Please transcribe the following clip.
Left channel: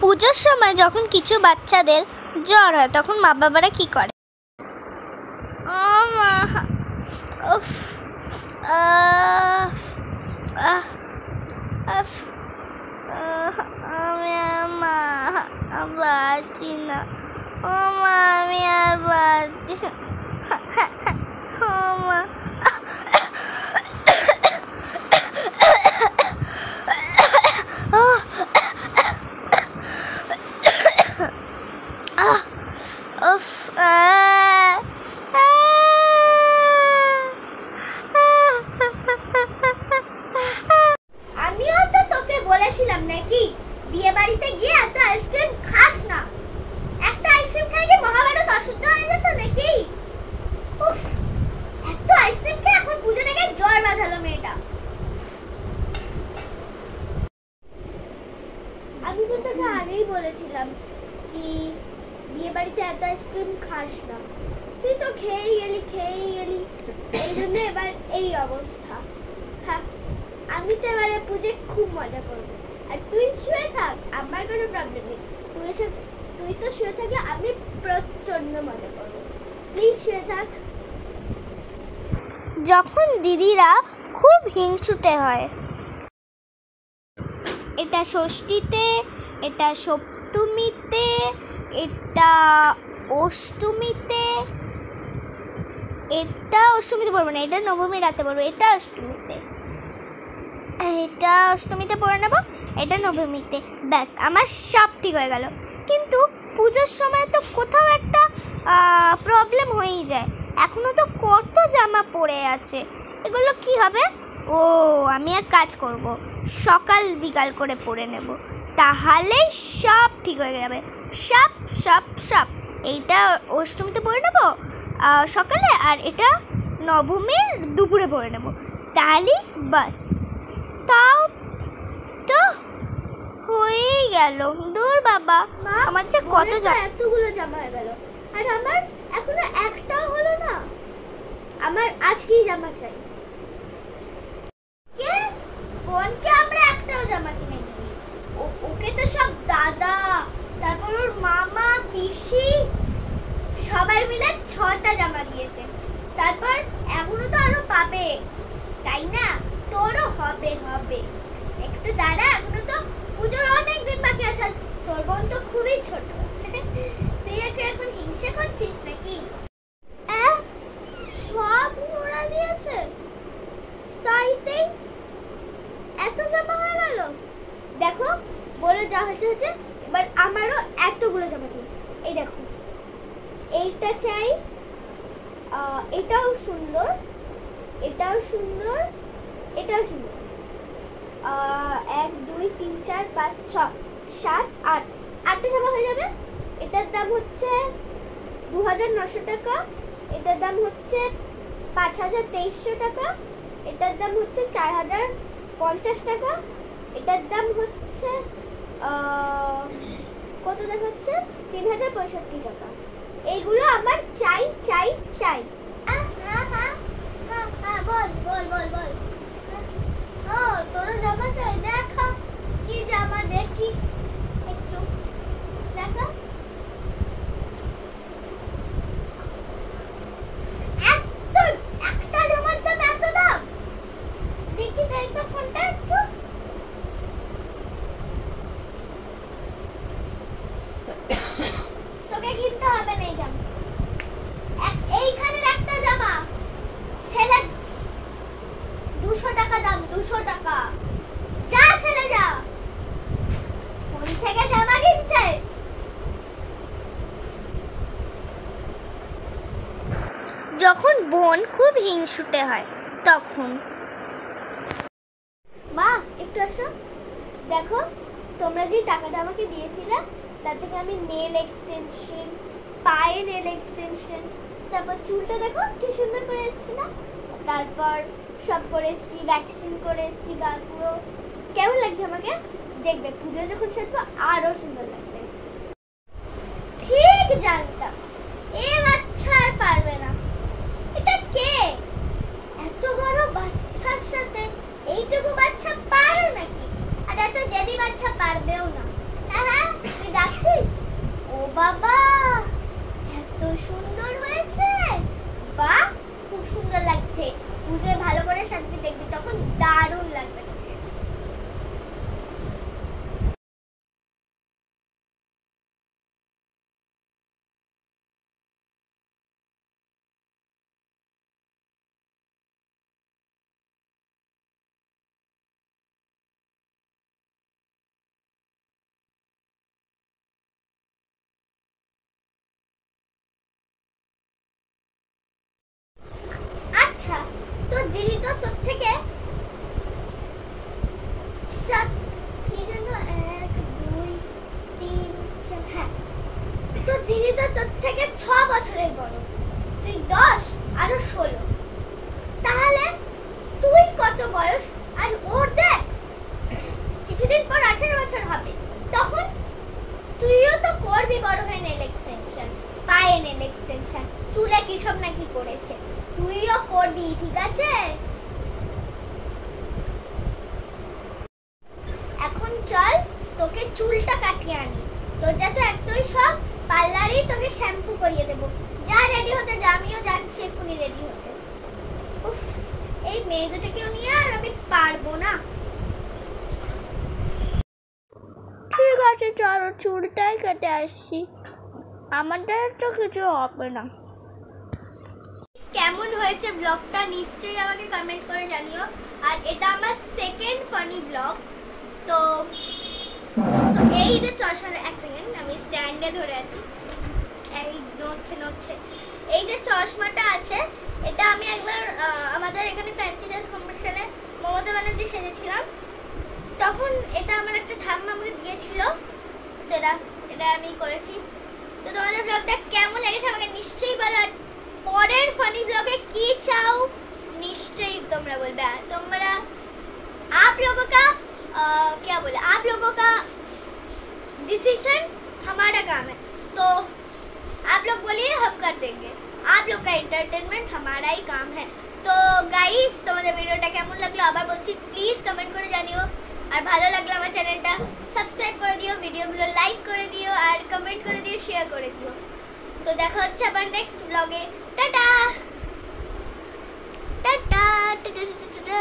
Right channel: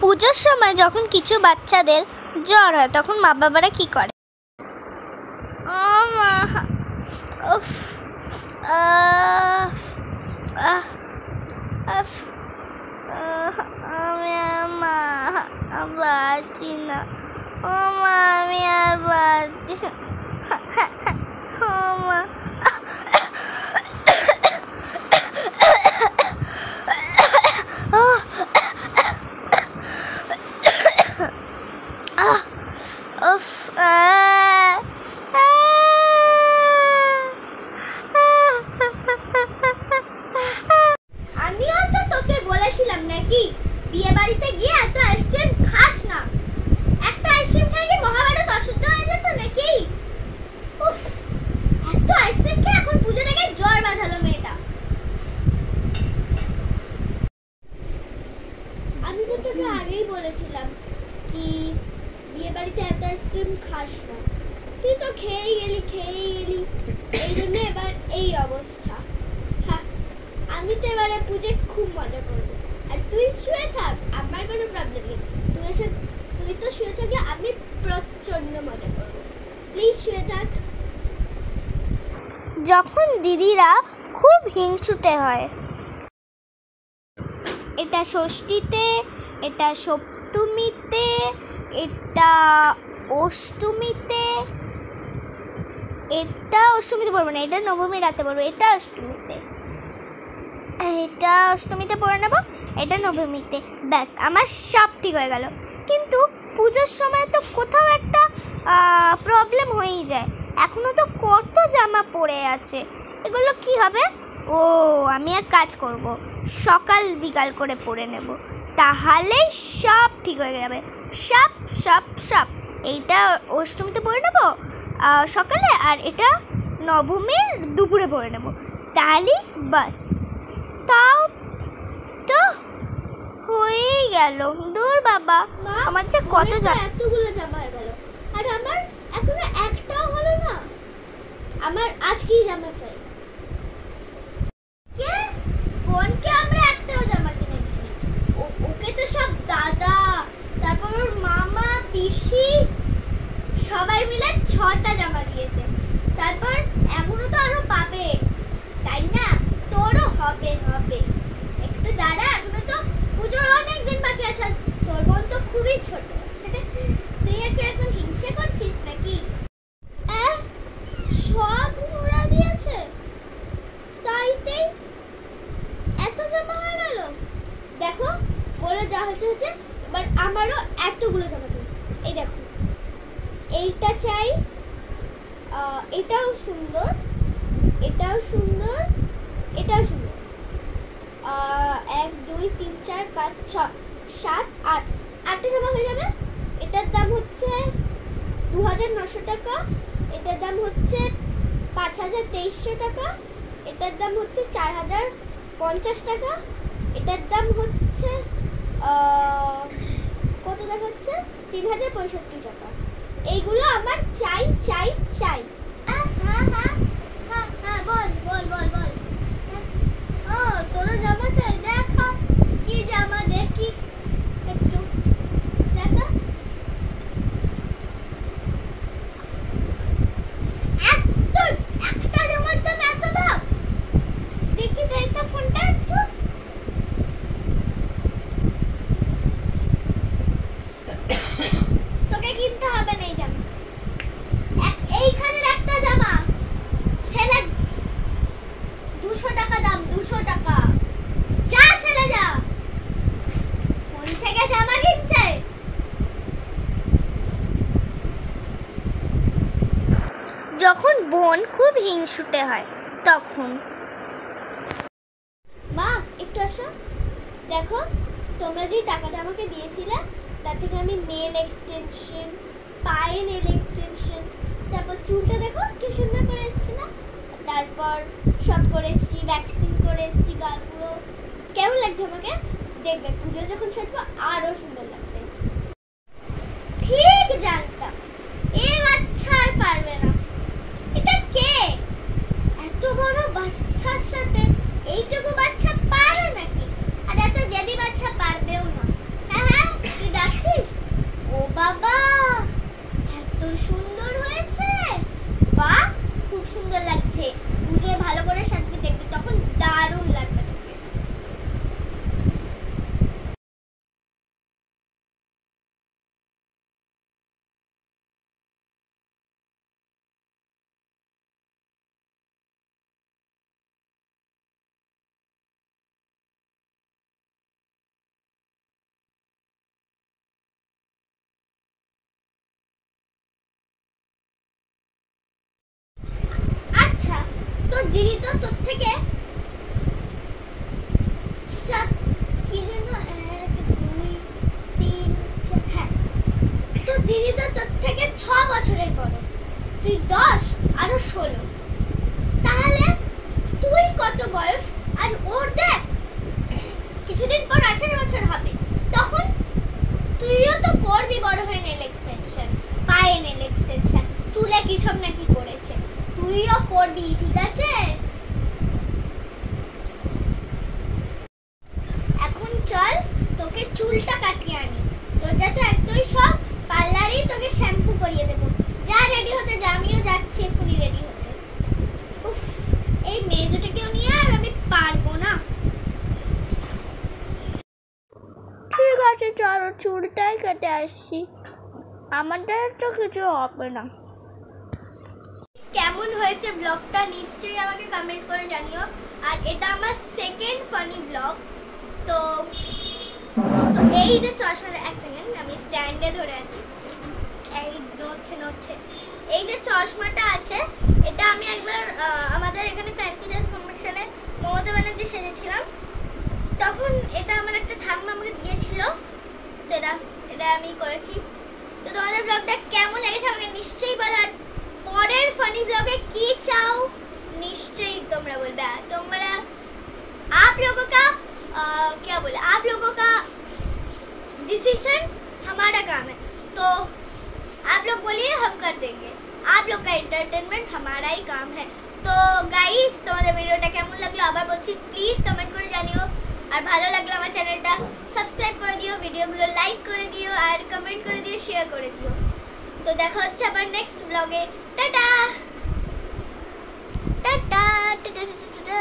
পুজোর সময় যখন কিছু বাচ্চাদের জ্বর হয় তখন মা বাবারা কি করে? আমি আর বাঁচি না, আমি আর বাঁচি না। আমিও তো তোকে বলেছিলাম নাকি বিয়ে বাড়িতে গিয়ে এত আইসক্রিম খাস না। একটা আইসক্রিম খাই কি মহাভারত অশুদ্ধ হয়ে যেত নাকি? উফ, এত আইসক্রিম খেয়ে এখন পুজো থেকে জ্বর বাঁধালো মেয়েটা। আমি তো তোকে আগেই বলেছিলাম কি বিয়ে বাড়িতে এত আইসক্রিম খাস না, তুই তো খেয়েই গেলি এই জন্য এবার এই অবস্থা। হ্যাঁ, আমি তো এবারে পুজো খুব মজা করবো, আর তুই শুয়ে থাক, আমার কোনো প্রবলেম নেই। তুই তো শুয়ে থাকি, আমি প্রচন্ড মজা করবো। প্লিজ শুয়ে থাক। যখন দিদিরা খুব হিংসুটে হয়, এটা ষষ্ঠীতে, এটা সপ্তমীতে, এটা অষ্টমীতে, এটা অষ্টমীতে পড়বো না, এটা নবমী রাতে পড়বো, এটা অষ্টমীতে পড়ে নেবো, এটা নবমীতে। ব্যাস, আমার সব ঠিক হয়ে গেল। কিন্তু পুজোর সময় তো কোথাও একটা প্রবলেম হয়েই যায়। এখনো তো কত জামা পড়ে আছে, এগুলো কি হবে? ও, আমি এক কাজ করব, সকাল বিকাল করে পরে নেব, তাহলেই সব ঠিক হয়ে যাবে। সব এইটা অষ্টমীতে পরে নেব সকালে, আর এটা নবমীর দুপুরে পরে নেব, তাহলেই বাস। তাও তো হয়েই গেল। দূর বাবা, আমার যে কত এতগুলো জামা হয়ে গেল, আর আমার এখনো একটাও হলো না। আমার আজকেই জামা চাই। কে বোনকে আমরা একটাও জামা কিনে দিই, ওকে তো সব দাদা, তারপর ওর মামা, পিসি সবাই মিলে 6টা জামা দিয়েছে। তারপর এখনো তো আরো পাবে, তাই না? তোরও হবে একটু দাঁড়া, এখনো তো পুজোর অনেক দিন বাকি আছে। তোর বোন তো খুবই ছোট, তুই একে এখন হিংসে করছিস নাকি? সব ওরা দিয়েছে, তাইতে এত জামা হয়ে গেল। দেখো, বলে যা হচ্ছে, এবার আমারও এতগুলো জামা চাই। এই দেখো, এইটা চাই, এটাও সুন্দর, 1 2 3 4 5 6 7 8 8টা জামা হয়ে যাবে। এটার দাম হচ্ছে 2900 টাকা, এটার দাম হচ্ছে 5300 টাকা, এটার দাম হচ্ছে 4050 টাকা, এটার দাম হচ্ছে কত দেখাচ্ছে 3065 টাকা। এইগুলো আমার চাই। বল। ও, তোরও জামা চাই? দেখা কি জামা, দেখি একটু দেখা। একটা জামার দাম এত দাম? দেখি তো ফোনটা একটু। তোকে কিনতে হবে না এই জামা। এইখানের একটা জামা ছেলে 200 টাকা দাম, 200 টাকা। যা ছেলে যা, ফোন থেকে জামা কিনছে। যখন বোন খুব হিংসুটে হয় তখন। মা, একটু আসো। দেখো, তোমরা যে টাকাটা আমাকে দিয়েছিলে তার থেকে আমি নেল এক্সটেনশন, পায়ে নেল এক্সটেনশন, তারপর চুলটা দেখো কি সুন্দর করে এসছে না, তারপর সব করে এসছি, ভ্যাকসিন করে এসছি, গাল পুরো। কেমন লাগছে আমাকে? দেখবে পুজো যখন সাজবো আরো সুন্দর লাগবে। ঠিক জানতাম এ বাচ্চা আর পারবে না। এটা কে? এত বড় বাচ্চার সাথে এইটুকু বাচ্চা পারে নাকি? আর এত জেদি বাচ্চা পারবেও না। হ্যাঁ, দিদি তো তোর থেকে কি যেন 1 2 3 4 হ্যাঁ, তো দিদি তো তোর থেকে 6 বছরের বড়, তুই 10 আর 16, তাহলে তুই কত বয়স? আর ওর দেখ কিছুদিন পর 18 বছর হবে, তখন তুইও তো করবি বড় হয়ে নেল এক্সটেনশন, পায়ে নেল এক্সটেনশন, চুলে কি সব নাকি করেছে, তুইও করবি, ঠিক আছে? এখন চল তোকে চুলটা কাটিয়ে আনি, তোর যাতে এতই সব, পার্লারই তোকে শ্যাম্পু করিয়ে দেবো। যা রেডি হতে যা, আমিও যাচ্ছি এক্ষুনি রেডি হতে। উফ, এই মেয়ে দুটোকেও নিয়ে আর আমি পারবো না। ঠিক আছে চলো চুলটাই কেটে আসছি, আমাদের তো কিছু হবে না। কেমন হয়েছে ব্লগটা নিশ্চয়ই আমাকে কমেন্ট করে জানিও। আর এটা আমার সেকেন্ড ফানি ব্লগ। তো এই যে চশমাটা, এক সেকেন্ড আমি স্ট্যান্ডে ধরে আছি, এই নড়ছে, এই যে চশমাটা আছে এটা আমি একবার আমাদের এখানে ফ্যান্সি ড্রেস কম্পিটিশনে মমতা ব্যানার্জি সেজেছিলাম, তখন এটা আমার একটা ঠাম্মা আমাকে দিয়েছিল, তো এটা আমি করেছি। তো তোমাদের ব্লগটা কেমন লেগেছে আমাকে নিশ্চয়ই বলো, আর পরের ফানি ব্লগে কি চাও निश्चय तुमरा बोलबे। तुमरा आप लोगों का क्या बोले, आप लोगों का डिसीजन हमारा काम है, तो आप लोग बोलिए हम कर देंगे। आप लोग का एंटरटेनमेंट हमारा ही काम है। तो गाइस তোমাদের ভিডিওটা কেমন লাগলো আবার বলছি, প্লিজ কমেন্ট করে জানিও, আর ভালো লাগলে আমার চ্যানেলটা সাবস্ক্রাইব করে দিও, ভিডিওগুলো লাইক করে দিও, আর কমেন্ট করে দিও, শেয়ার করে দিও। তো দেখা হচ্ছে আবার নেক্সট ব্লগে। Tata tata tata tata.